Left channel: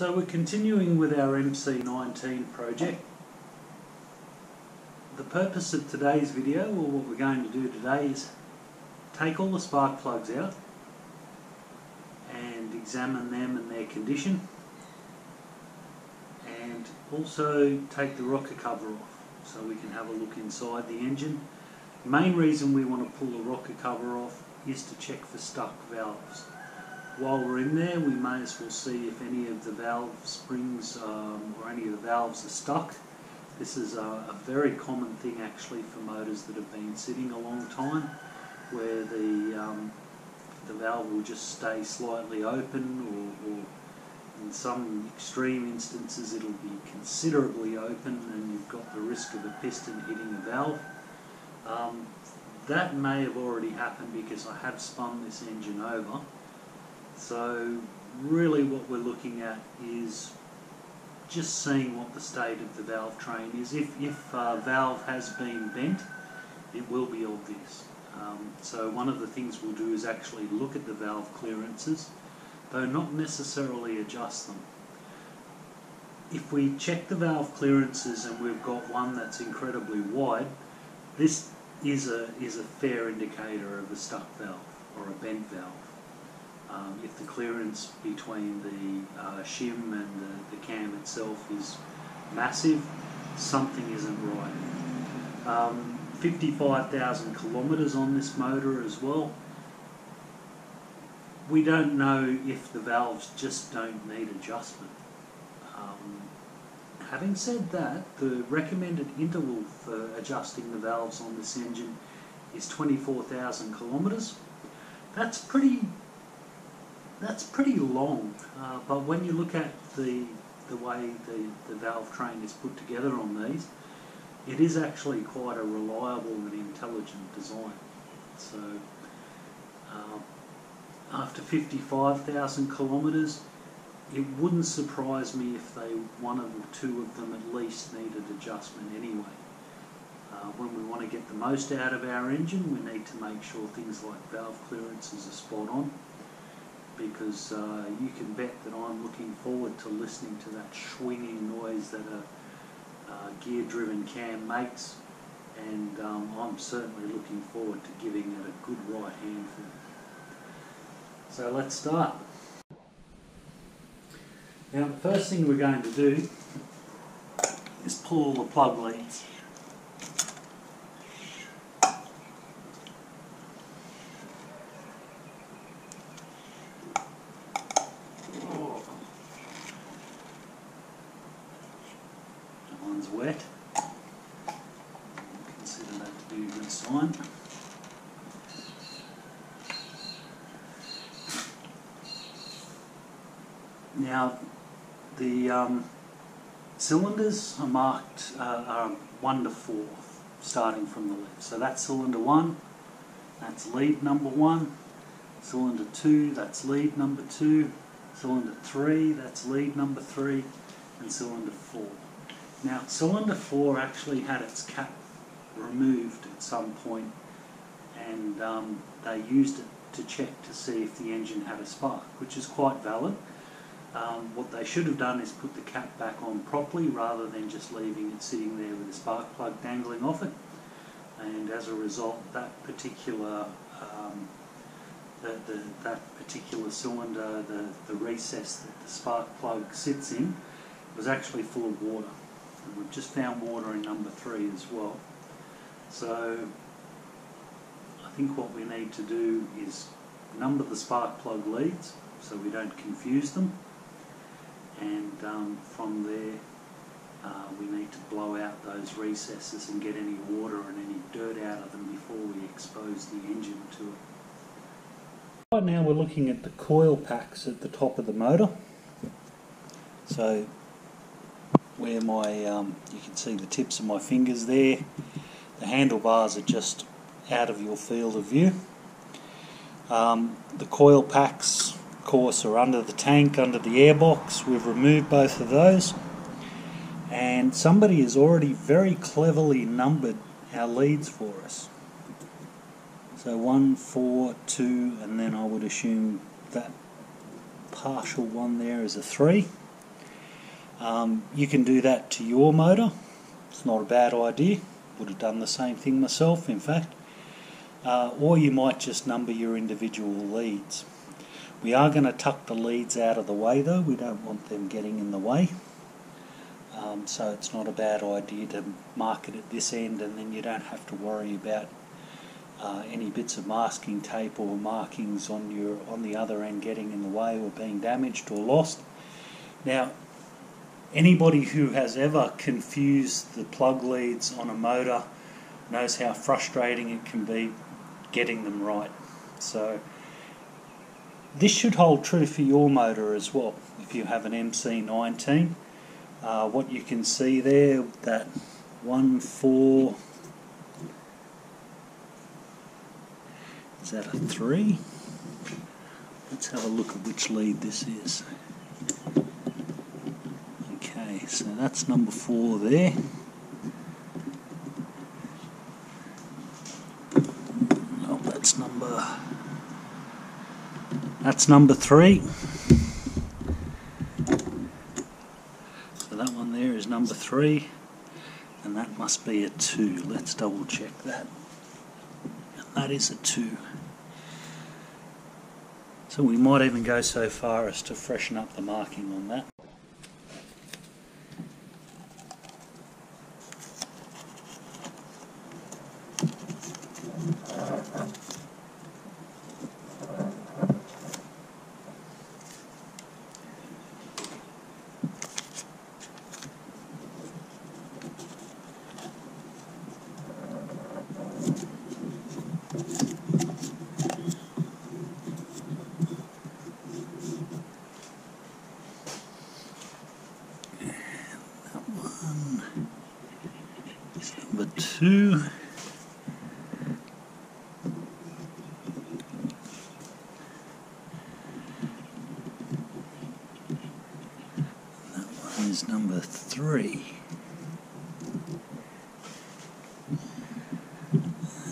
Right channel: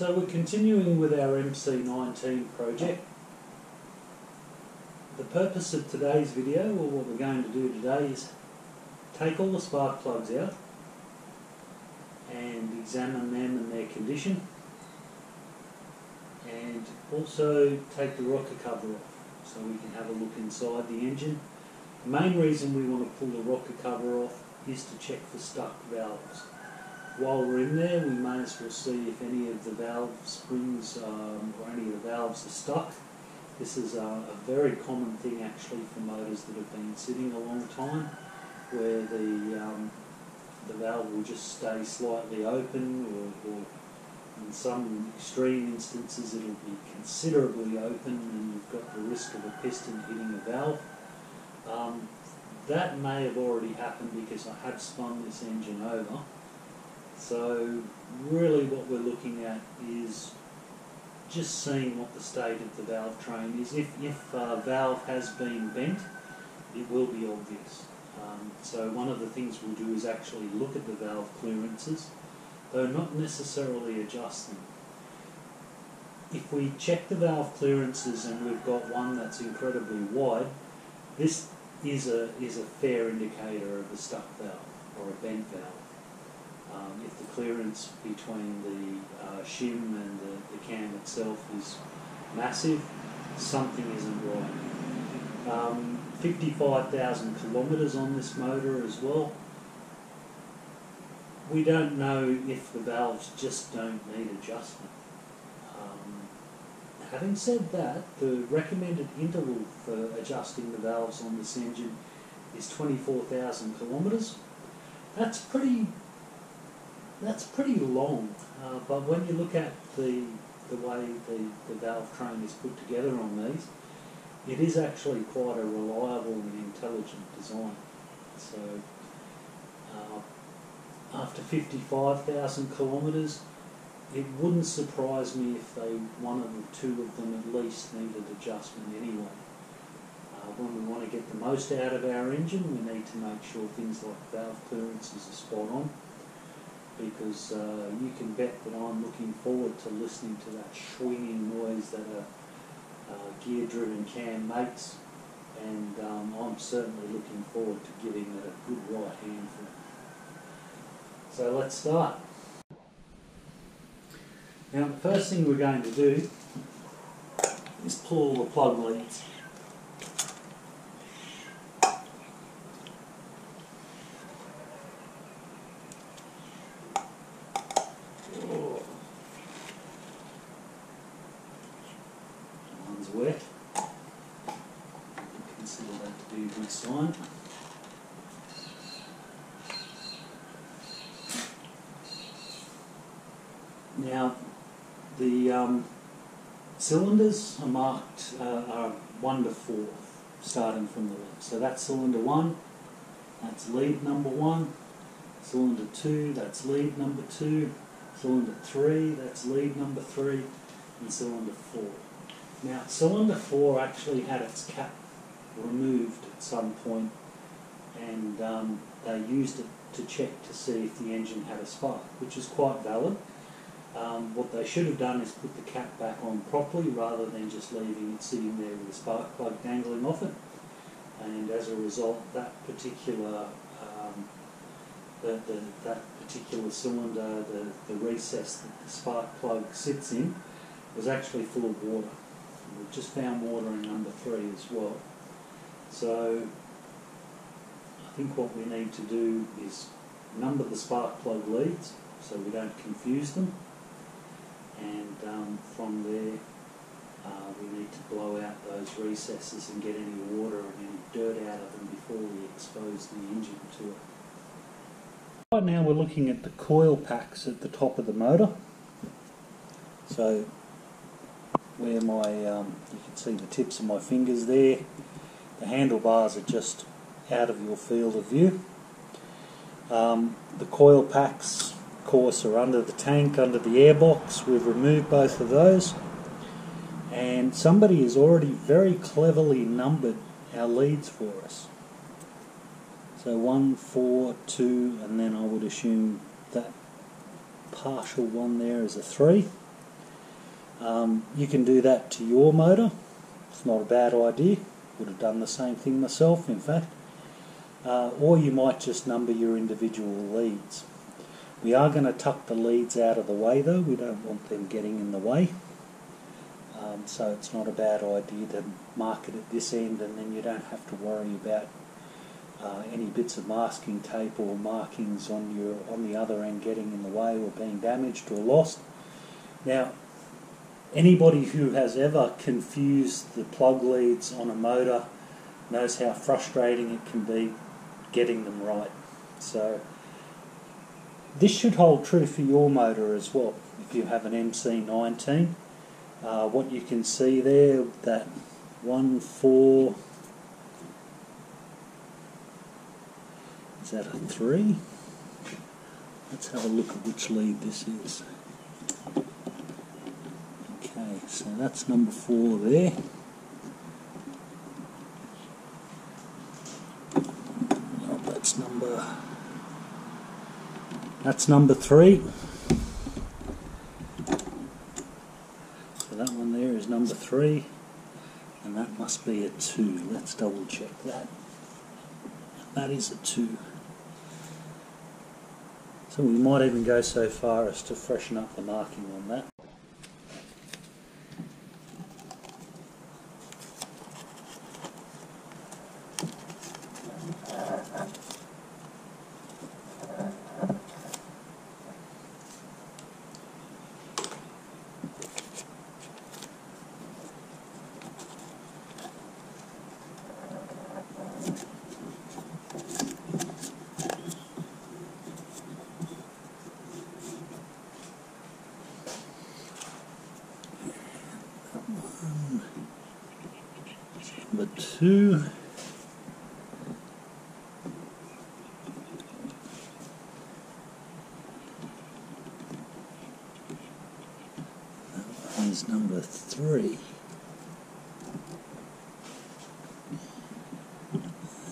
So we're continuing with our MC19 project. The purpose of today's video, or what we're going to do today, is take all the spark plugs out and examine them and their condition, and also take the rocker cover off so we can have a look inside the engine. The main reason we want to pull the rocker cover off is to check for stuck valves. While we're in there, we may as well see if any of the valve springs or any of the valves are stuck. This is a very common thing actually for motors that have been sitting a long time, where the valve will just stay slightly open, or in some extreme instances it'll be considerably open and you've got the risk of a piston hitting a valve. That may have already happened because I have spun this engine over. So really what we're looking at is just seeing what the state of the valve train is. If a valve has been bent, it will be obvious. So one of the things we'll do is actually look at the valve clearances, though not necessarily adjust them. If we check the valve clearances and we've got one that's incredibly wide, this is a fair indicator of a stuck valve or a bent valve. If the clearance between the shim and the cam itself is massive, something isn't right. 55,000 kilometres on this motor as well. We don't know if the valves just don't need adjustment. Having said that, the recommended interval for adjusting the valves on this engine is 24,000 kilometres. That's pretty long, but when you look at the way the valve train is put together on these, it is actually quite a reliable and intelligent design. So after 55,000 kilometres, it wouldn't surprise me if one or two of them at least needed adjustment anyway. When we want to get the most out of our engine, we need to make sure things like valve clearances are spot on, because you can bet that I'm looking forward to listening to that swinging noise that a gear-driven cam makes, and I'm certainly looking forward to giving it a good right handful. So let's start. Now the first thing we're going to do is pull the plug leads. Wet. Consider that to be a good sign. Now the cylinders are marked are 1 to 4, starting from the left. So that's cylinder 1, that's lead number 1. Cylinder 2, that's lead number 2. Cylinder 3, that's lead number 3, and cylinder 4. Now, cylinder 4 actually had its cap removed at some point, and they used it to check to see if the engine had a spark, which is quite valid. What they should have done is put the cap back on properly rather than just leaving it sitting there with a spark plug dangling off it. And as a result, that particular that particular cylinder, the recess that the spark plug sits in, was actually full of water. And we've just found water in number 3 as well. So I think what we need to do is number the spark plug leads so we don't confuse them, and from there we need to blow out those recesses and get any water and any dirt out of them before we expose the engine to it. Right now we're looking at the coil packs at the top of the motor. So where you can see the tips of my fingers there, the handlebars are just out of your field of view. The coil packs, of course, are under the tank, under the airbox. We've removed both of those, and somebody has already very cleverly numbered our leads for us. So 1, 4, 2, and then I would assume that partial one there is a 3. You can do that to your motor. It's not a bad idea. Would have done the same thing myself, in fact. Or you might just number your individual leads. We are going to tuck the leads out of the way though. We don't want them getting in the way. So it's not a bad idea to mark it at this end, and then you don't have to worry about any bits of masking tape or markings on the other end getting in the way or being damaged or lost. Now, anybody who has ever confused the plug leads on a motor knows how frustrating it can be getting them right. So this should hold true for your motor as well. If you have an MC19, what you can see there, that 1-4, is that a 3? Let's have a look at which lead this is. Okay, so that's number 4 there. No, that's number 3. So that one there is number 3, and that must be a 2. Let's double check that. And that is a 2. So we might even go so far as to freshen up the marking on that. Number 2. That one is number 3.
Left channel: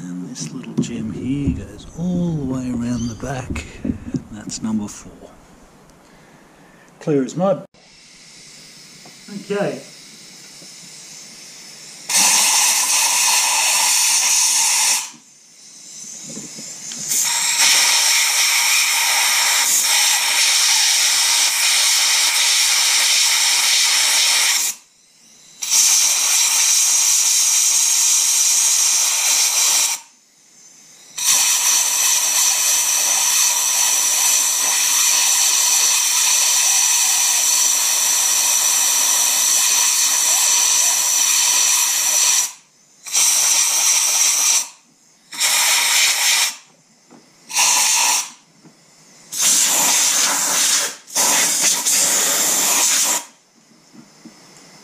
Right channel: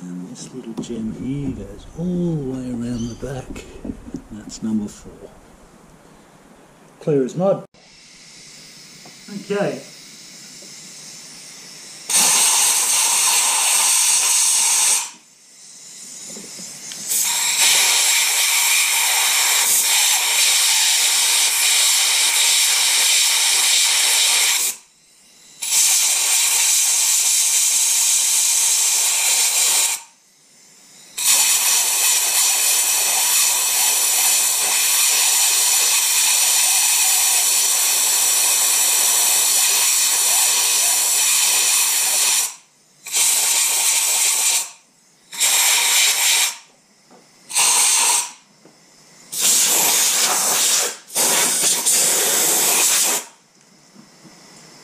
And this little gem here goes all the way around the back, and that's number 4. Clear as mud. Okay.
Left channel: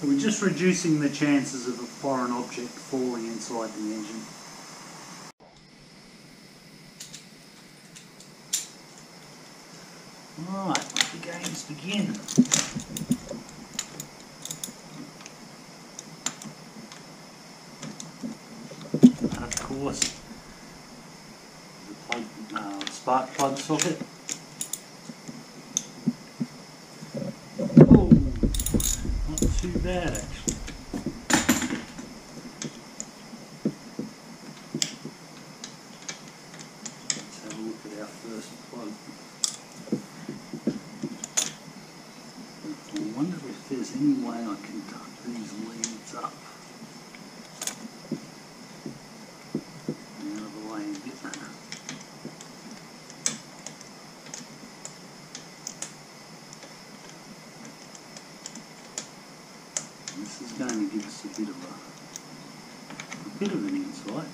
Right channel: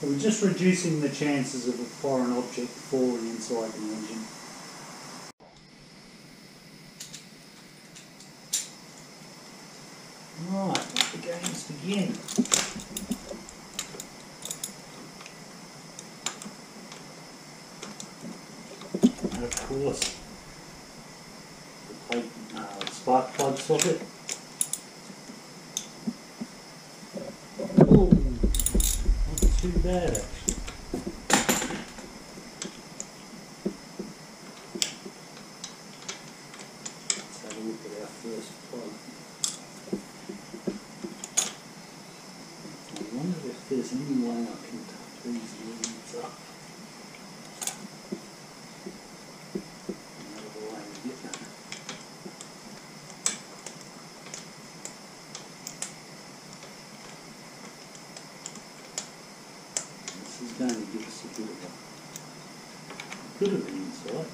So we're just reducing the chances of a foreign object falling inside the engine. Right, let the games begin. And of course, the spark plug socket. Oh, not too bad actually. Let's have a look at our first plug. I wonder if there's any way I can tuck these leads up and out of the way a bit. This is going to give us a bit of an insight.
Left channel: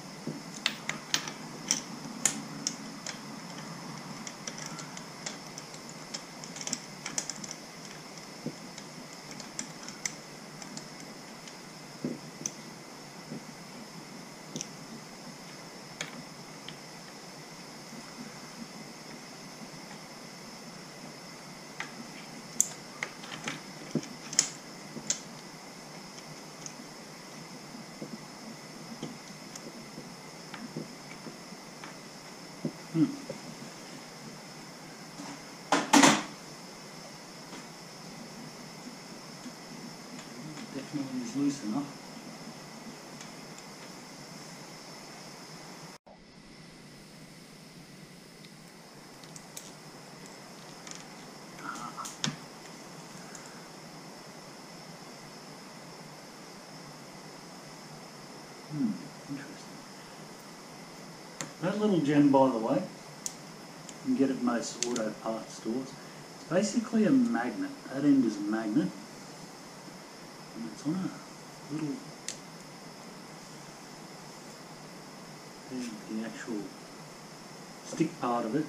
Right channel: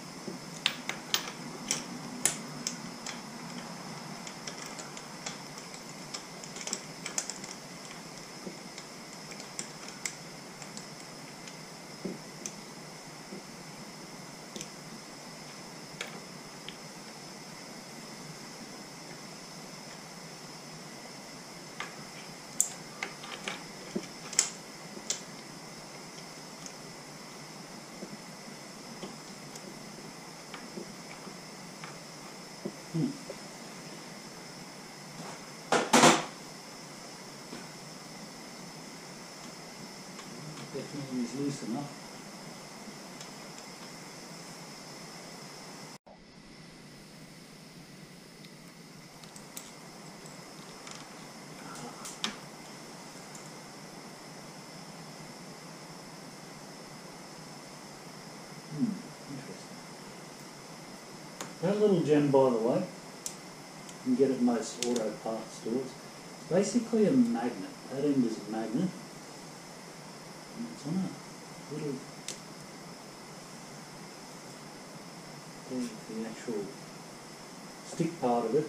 definitely is loose enough. Interesting. That little gem, by the way, you can get at most auto parts stores. It's basically a magnet. That end is a magnet, and it's on a little, there's the actual stick part of it.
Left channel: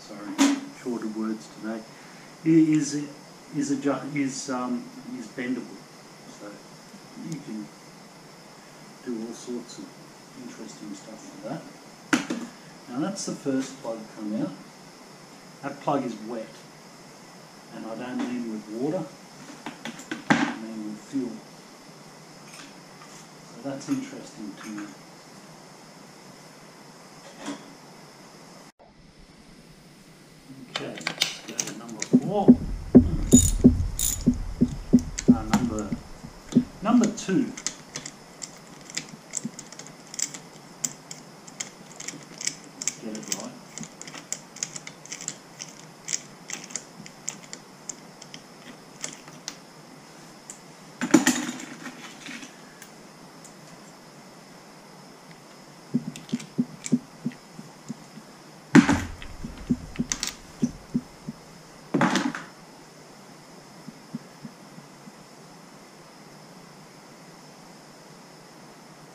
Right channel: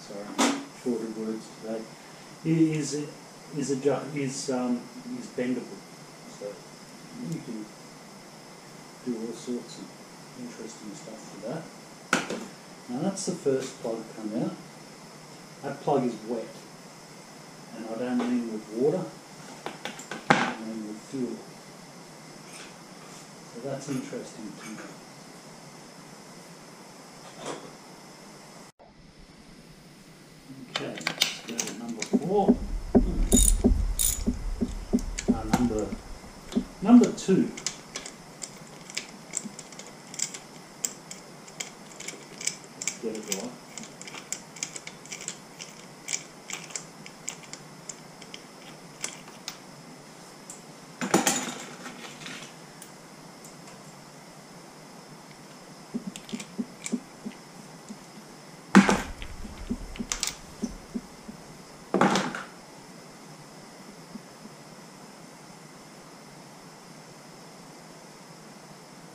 Sorry, shorter words today. Is bendable, so you can do all sorts of interesting stuff with that. Now that's the first plug come out. That plug is wet, and I don't mean with water, I mean with fuel. So that's interesting to me. Okay, let's go to number 4. Number 2. Let's get it right.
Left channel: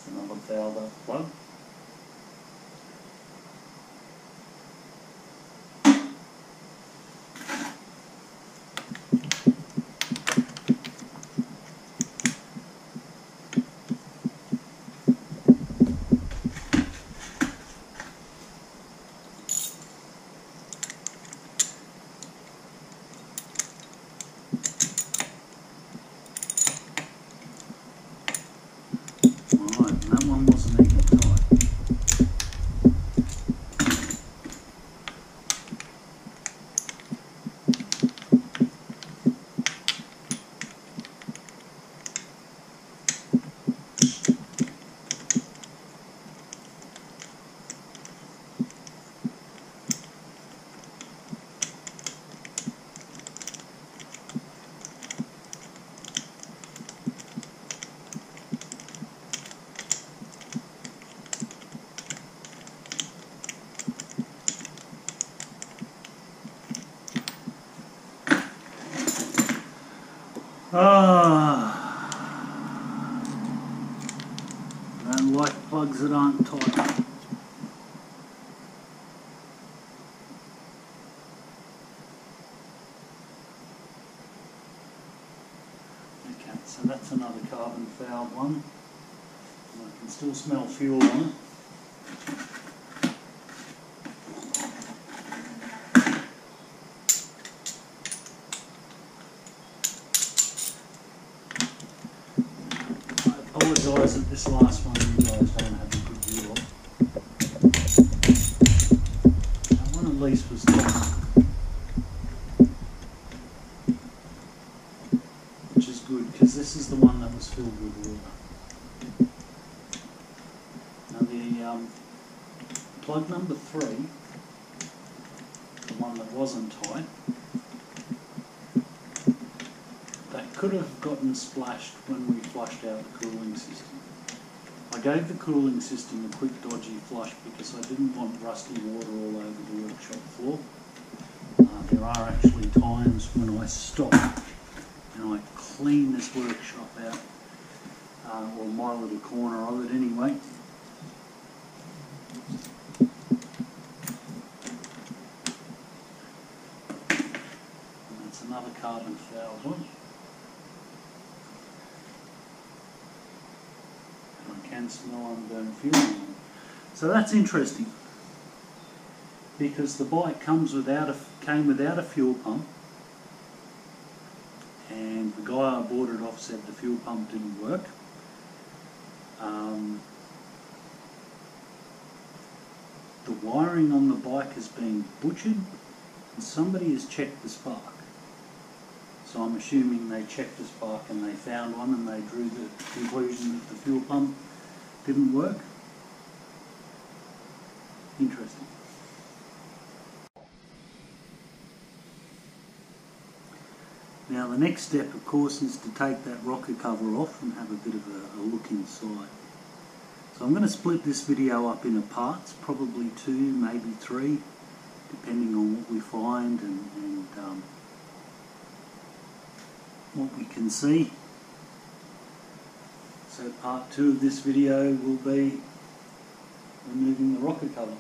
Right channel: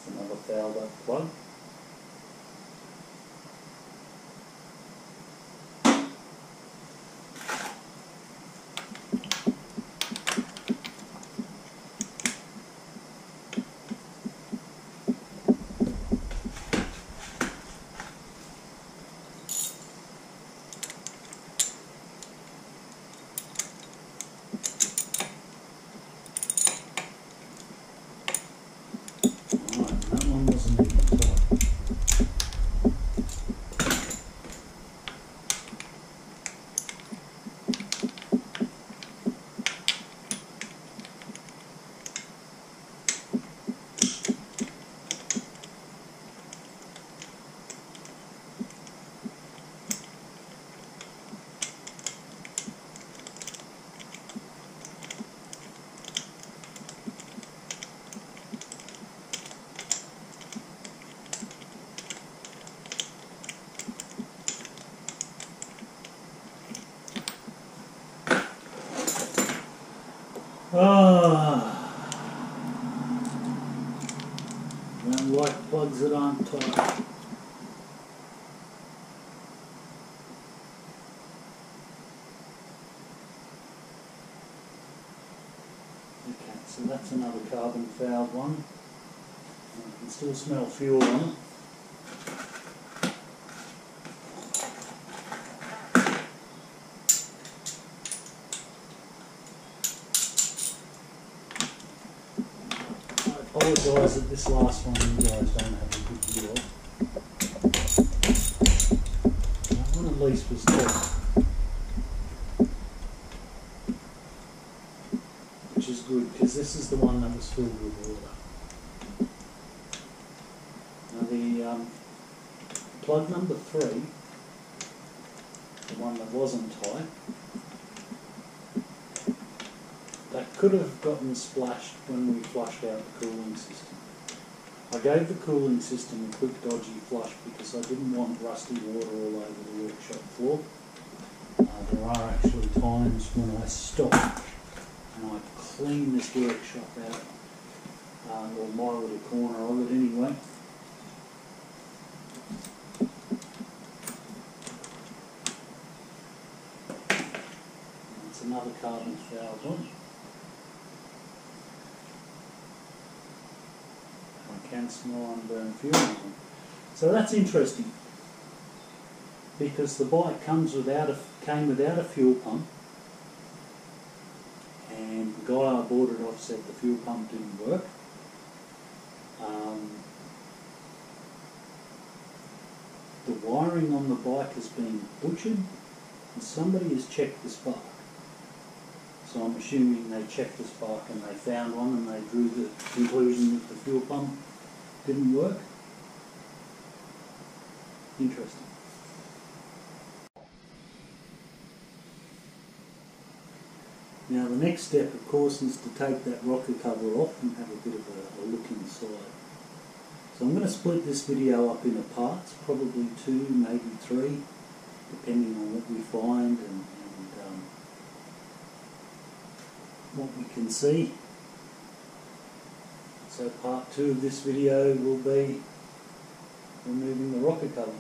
Another fouled up plug. I don't like plugs that aren't tight. Okay, so that's another carbon fouled one. And I can still smell fuel on it. I apologise that this last one you guys don't have a good view of. That one at least was tight, which is good because this is the one that was filled with water. Now the plug number 3, the one that wasn't tight, that could have gotten splashed when we flushed out the cooling system. I gave the cooling system a quick dodgy flush because I didn't want rusty water all over the workshop floor. There are actually times when I stop and I clean this workshop out, or my little corner of it anyway. And that's another carbon fouled one. Can smell unburned fuel on them. So that's interesting because the bike came without a fuel pump, and the guy I bought it off said the fuel pump didn't work. The wiring on the bike has been butchered and somebody has checked the spark. So I'm assuming they checked the spark and they found one and they drew the conclusion that the fuel pump didn't work. Interesting. Now the next step, of course, is to take that rocker cover off and have a bit of a look inside. So I'm going to split this video up into parts, probably 2, maybe 3, depending on what we find and what we can see. So part 2 of this video will be removing the rocker cover.